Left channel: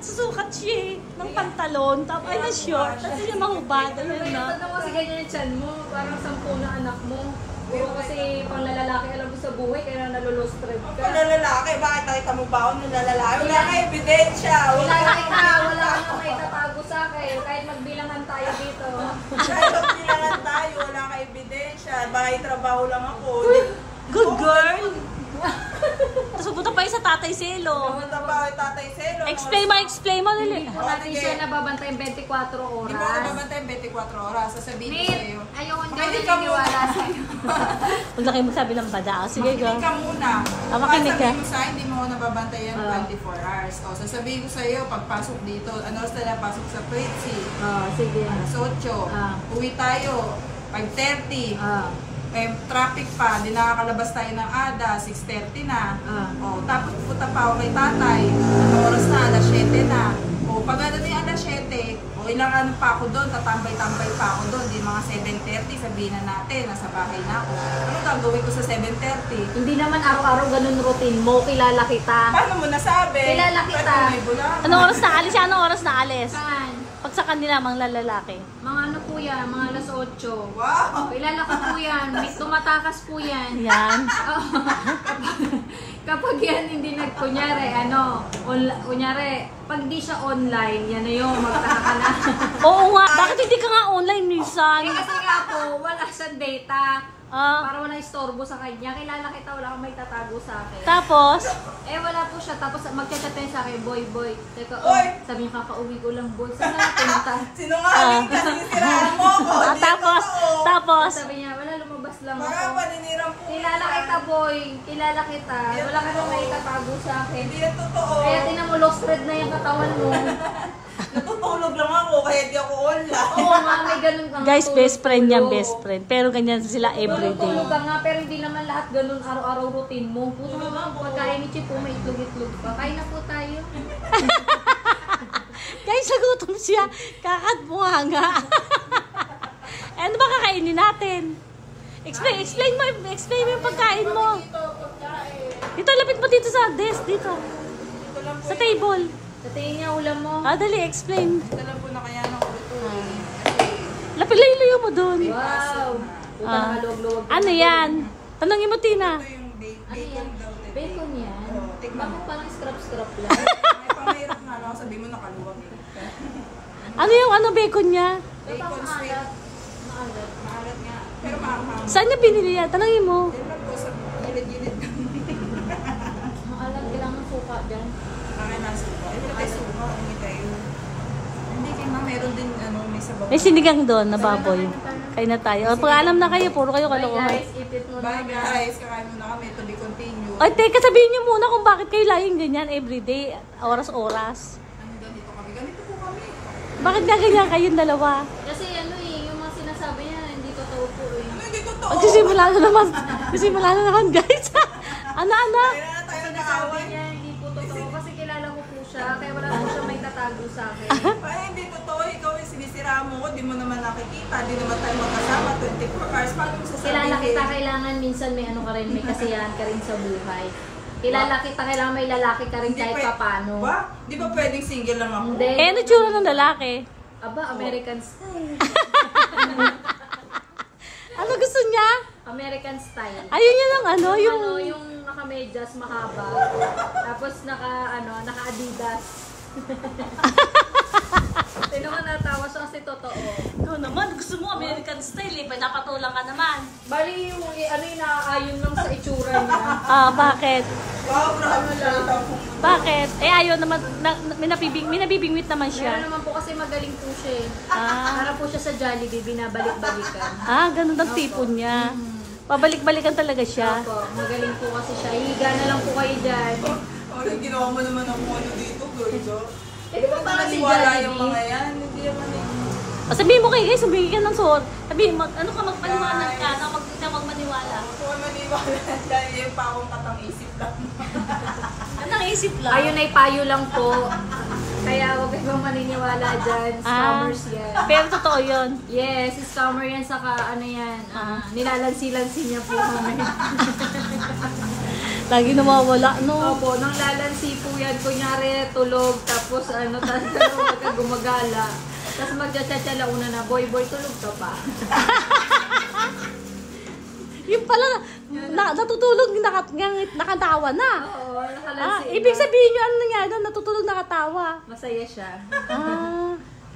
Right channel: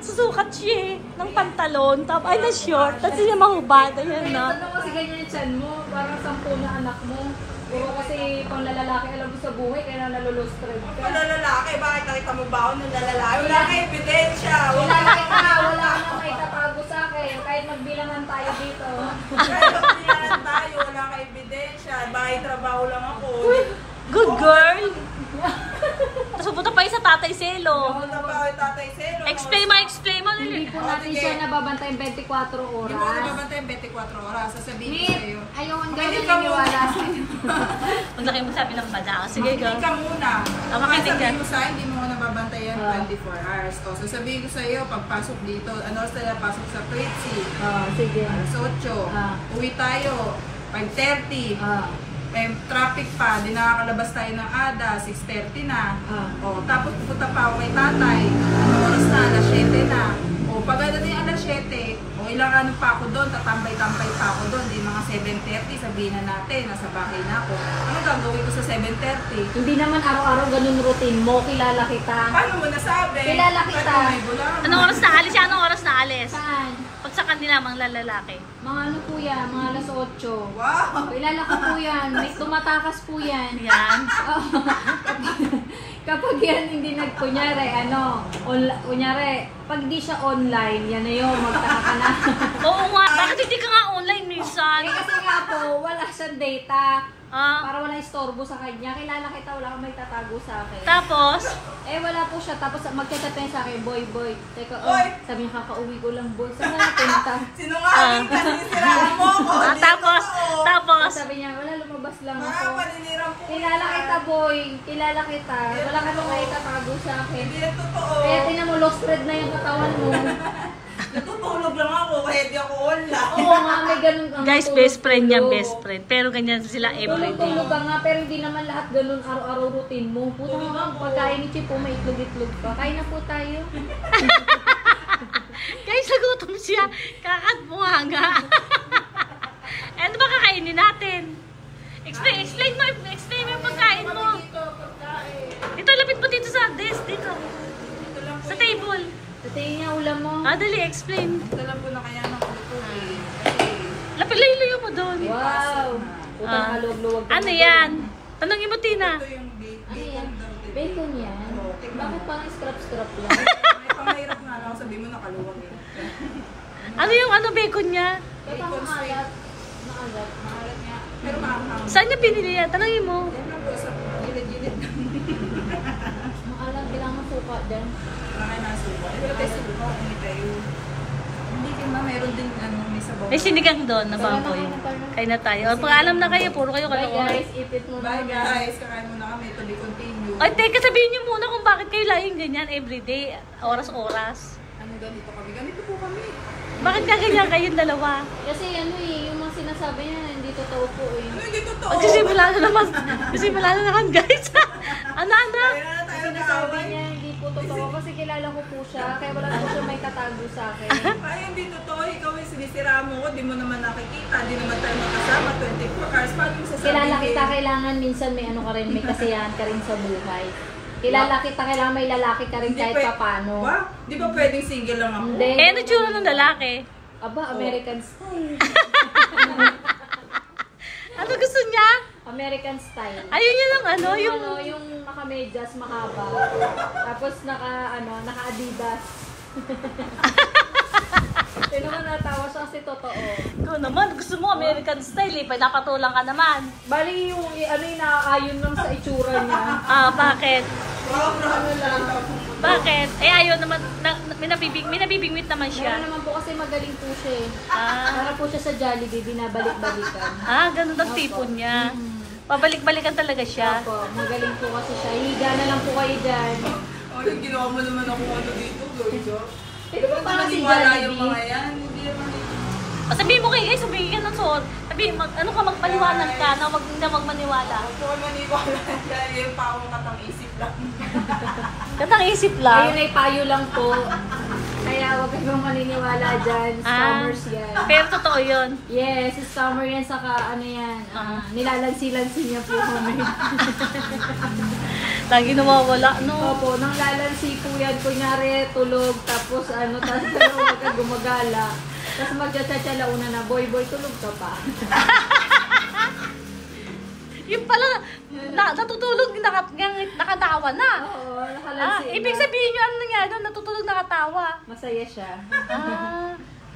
nagsusukat siya ng pantalon, tapos ay na short, tapos niya mahubad, ayan na. Ano kasi ganyan yung chan mo, parang 10 na anak mo. Puro kasi pang lalaki alam mo sa buhay, kaya nalulustred ka. Pang lalaki, bakit nakita mo ba ako ng lalaki? Wala kang ebidensya. Lalaki ka, wala kang maitatago sa akin. Kahit magbilangan tayo dito. Kahit magbilangan tayo, wala kang ebidensya. Bakit trabaho lang ako. Good girl! Tapos pupunta pa yung sa Tatay Selo. Pumunta pa ako yung Tatay Selo. Explain mo Hindi nila. po natin siya nababantayan 24 Hindi mo oras. naman 24 oras. Sasabihin ko sa'yo. Ayaw ang Makinig gawin ka naniniwala sa'yo. Huwag laki mo sabi ng bada. Sige, go. Makinig ka muna. Makinig ka. Sasabihin mo sa'yo, hindi mo ako nababantayan 24 hours. O, sasabihin ko sa'yo, pagpasok dito, ano oras tayo pasok sa Pretzi? Sige. Alas 8. Uwi tayo, 5:30. Traffic pa, di nakakalabas tayo ng ADA, 6:30 na. Tapos pupunta pa ako kay tatay, ano oras na, alas 7 na. Pagdating alas 7, ilang ano pa ako doon, tatambay-tambay pa ako doon, di mga 7:30, sabihin na natin, nasa bahay na ako. Ano gagawin ko sa 7:30? Hindi naman araw-araw ganun routine mo, kilala kita. Paano mo nasabi? Kilala kita. May bulang. Anong oras na alis? Anong oras na alis? Saan? Pag sa kanila, mga lalaki. Mga ano po yan, mga alas 8. Wow! Kilala ko po yan, may tumatakas po yan. Yan. Kapag yan hindi kunyari, kunyari, pag di siya online, yan na yun, magtaka ka na. Oo nga. Bakit hindi ka nga online minsan? Kasi nga po, wala siyang data. Ah, Para wala istorbo sa kanya. Kilala kita, wala kang may tatago sa akin. tapos, Wala po siya. Tapos magchat-chat tayo sa akin, boy. Teka, Oy! sabi niya, kakauwi ko lang, boy. Saan na napunta? Sinungaling ka, sinisiraan mo ako. Hindi tapos, totoo. tapos, Sabi niya, wala, lumabas lang Baka ako. paninirang po. Kilala kita, boy. Kilala kita. Wala ka nang may tatago sa akin. Hindi yan totoo. Kaya tinan mo, lost thread na yung katawan mo. Natutulog lang ako kahit di ako online. Oo nga, may ganun kang guys, best friend niya, tulog-tulog. best friend. Pero ganyan sila everyday. Tulog-tulog ka nga, pero hindi naman lahat ganun araw-araw routine mo. Puta nga, pagkain ni Chipo, may itlog-itlog pa. Kain na po tayo. Guys, nagutom siya. Kakatbuha nga. Ano ba kakainin natin? Explain mo yung pagkain mo. Dito, lapit mo dito sa desk, dito. Sa table. Sa tingin niya, ulam mo. Dali, explain. Ito lang po na kaya ng lutuin. Lapit layo mo doon. Wow! Puta Ah. nakaluwag-luwag. Ano yan? Tanongin mo, Tina. Ito yung Ano bacon yan? daw. te. Bacon yan? Oo, tignan Bakit mo. parang scrap-scrap lang? May pamahirap nga lang. Sabi mo nakaluwag eh. Ano yung bacon niya? Ba't ang maalat? Maalat. Maalat nga. Pero maanghang. Saan niya binili yan? Tanongin mo. Tignan po sa gilid-gilid. Maalat, kailangan suka dyan. Mga nasuka. Ito tayo suka. Hindi tayo. Hindi din ma. Meron din may sabaw. May sinigang doon na baboy. Kain na tayo. Pag alam na kayo, puro kayo Bye kalokohan. guys, ipit mo Bye na. guys. Kakain muna kami. To be continued. Ay, teka, sabihin niyo muna kung bakit kayo laging ganyan everyday, oras-oras. Ano ganito kami? Ganito po kami. Bakit nga ganyan kayong dalawa? Kasi yung mga sinasabi niya, hindi totoo po eh. Ano hindi totoo? Magsisimula na naman, guys. Ano? Kaya na tayo Sinasabi nag-away. niya, hindi po totoo. Kasi kilala ko po siya, kaya wala po siya may tatago sa akin. Ay, hindi totoo. Ikaw yung sinisiraan mo ko. Di mo naman nakikita. Di naman tayo magkasama. 24 hours. Paano mo sasabihin? Kilala kita, kailangan minsan may ano ka rin, may kasiyahan ka rin sa buhay. Kilala kita, kailangan may lalaki ka rin kahit papano. Ba? Di ba pwedeng single lang ako? Hindi. Eh, ano tsura ng lalaki? Aba, American style. Ano gusto niya? American style. Ayun yun ang ano, yung... Yung naka-medyas mahaba. Tapos naka-Adidas. Sino man natawa siya kasi totoo. Ikaw naman, gusto mo American style eh. Pinapatulang ka naman. Bali yung nakaayon lang sa itsura niya. Bakit? Wow, grabe lang. Bakit? Eh, ayaw naman, may nabibingwit naman Meron siya. naman po kasi magaling po siya eh. Ah, Para po siya sa Jollibee, binabalik-balikan. ganun ang tipon niya. Pabalik-balikan talaga siya. Opo, magaling po kasi siya. Higa na lang po kayo dyan. Oh, ginawa mo naman ako ano dito, girl. Eh, di ba parang si Maniwala yung mga Jollibee? yan. Hindi naman Sabihin mo kay Ace, sabihin ka ng suot. Sabihin mo, ano ka, magpaliwanag ka na wag na magmaniwala. ako maniwala. Kaya yung pa akong katang-isip lang. Katang isip lang. Ayun ay payo lang po. Kaya wag kayong maniniwala dyan. Scammers yan. Pero totoo yun. Yes, scammer yan. Saka ano yan. Nilalansi-lansi niya po kami. Lagi nawawala, no? Opo, nang lalansi po yan, kunyari tulog, tapos tapos gumagala. Tapos magtsatsa una na, boy, tulog ka pa. Yung pala, natutulog, nakatawa na. Oo, nakalansi na. Ibig sabihin nyo, ano nangyari doon? Natutulog, nakatawa. Masaya siya.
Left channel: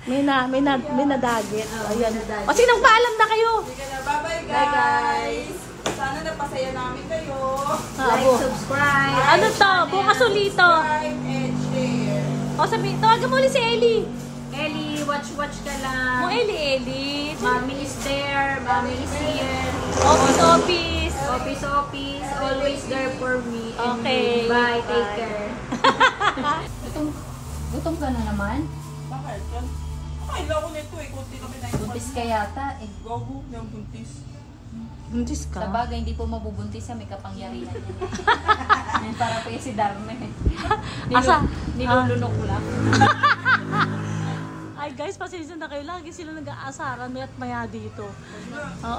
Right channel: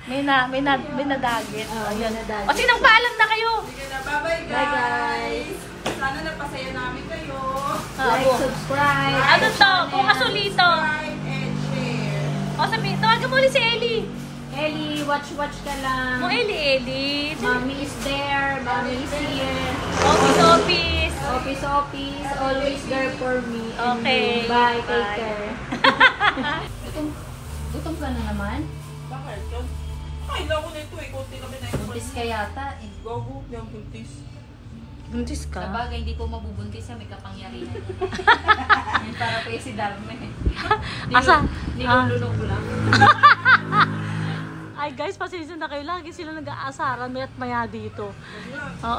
May nadagi. Ayan. nadagi. O, sinang paalam na kayo? Sige na, bye-bye Bye, guys. guys. Sana napasaya namin kayo. Like, subscribe. Ano to? Kung kasulito. Subscribe and share. O, sabihin, tawagan mo ulit si Ellie. Ellie, watch ka lang. Mo Ellie. Mommy is there. Mommy is here. Office. Office. Always there for me. And Okay. you. Bye. Take care. Gutom ka na naman? Bakit? Kailan ko nito eh. Kunti kami na ito. Buntis ka yata eh. Gago, yung buntis. Buntis Sa ka? bagay, hindi po mabubuntis sa may kapangyarihan. Para po yung si Darme. Asa? Nilulunok ko lang. Ay guys, pasensya na kayo. Lagi sila nag-aasaran may at maya dito.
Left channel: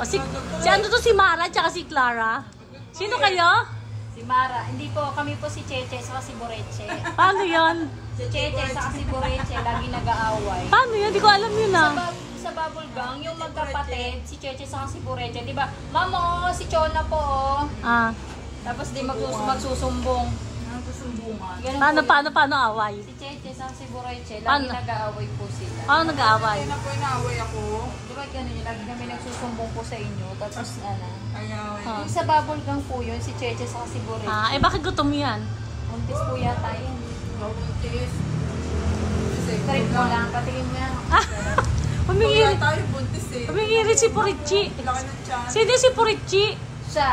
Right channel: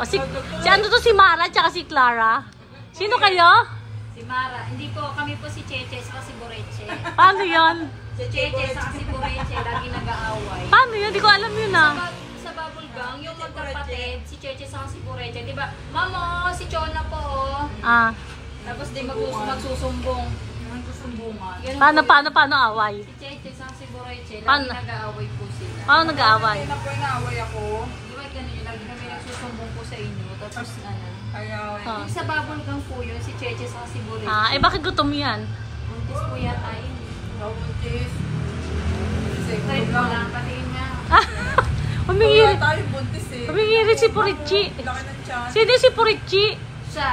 Si ano to, si Mara tsaka si Clara? Sino kayo? Si Mara. Hindi po, kami po si Cheche sa si Boreche. Paano yun? Si Cheche sa si Boreche, lagi nag-aaway. Paano yun? Di ko alam yun Sa Bubble Gang, yung magkapatid, si Cheche sa si Boreche, di ba? Mama, si Chona po, oh. Tapos di magsusumbong. Nagsusumbungan. Paano away? Si Cheche sa si Boreche, lagi Paano? nag-aaway po sila. Paano nag-aaway? Kaya na po inaaway ako. Di ba ganun yun, lagi kami nagsusumbong po sa inyo, tapos Ayaw. Yung sa Bubble Gang po yun, si Cheche sa si Boreche. Bakit gutom yan? Buntis po yata yun. Buntis. Kahit mo lang, patingin nga. Humingirit. Tayo buntis eh. Humingirit si Purichi. Laki ng tiyan. Sino si Purichi? Siya,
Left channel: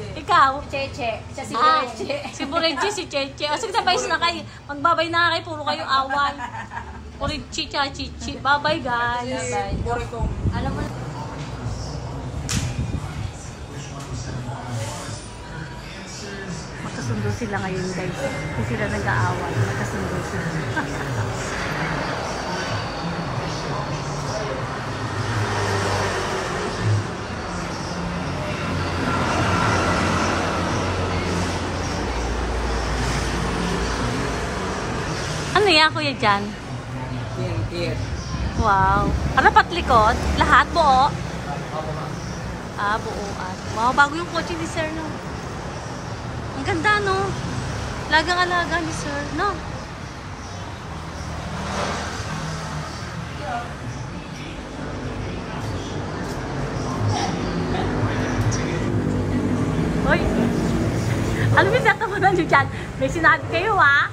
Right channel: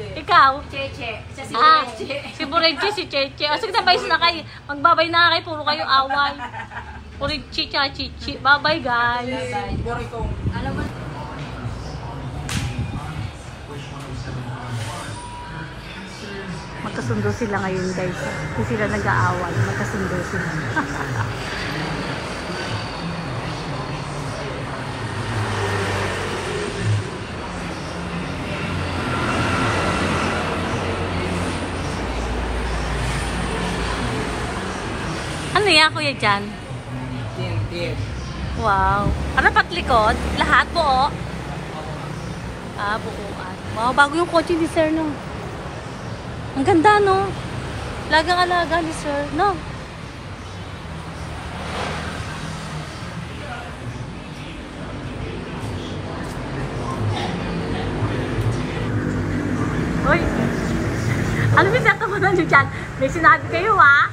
Ikaw? Cheche, siya si Ah, Boreche. si Purichi, si Cheche. O sige, sabay na kayo. Magbabay na kayo. Puro kayo away. Purichi, tsaka Chichi. Bye-bye guys. Bye. Borikong. Alam mo, Magkasundo sila ngayon guys. Hindi sila nag-aaway. Magkasundo sila. Ano yan kuya dyan? Yes. Wow. Ano patlikod? Lahat buo? Buuan. Wow, bago yung kotse ni Sir no. Ang ganda no. Lagang-alaga ni Sir, no? Uy! Ano yung tatawanan nyo dyan? May sinabi kayo ha?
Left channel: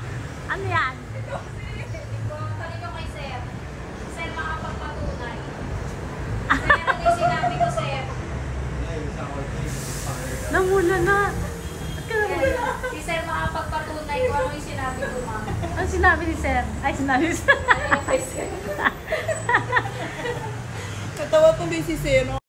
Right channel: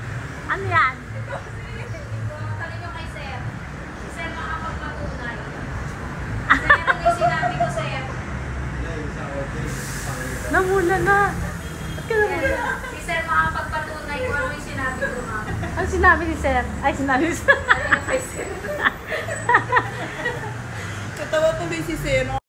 Ano yan? tanong nyo kay Sir. Si Sir makapagpatunay. Sir, ano yung sinabi ko, Sir? Namula na. Ba't ka namula? Si Sir makapagpatunay kung ano yung sinabi ko, ma'am. Ano sinabi ni Sir? Ay, sinabi ni Sir. Ano yung kay Sir? Natawa tuloy si Seno.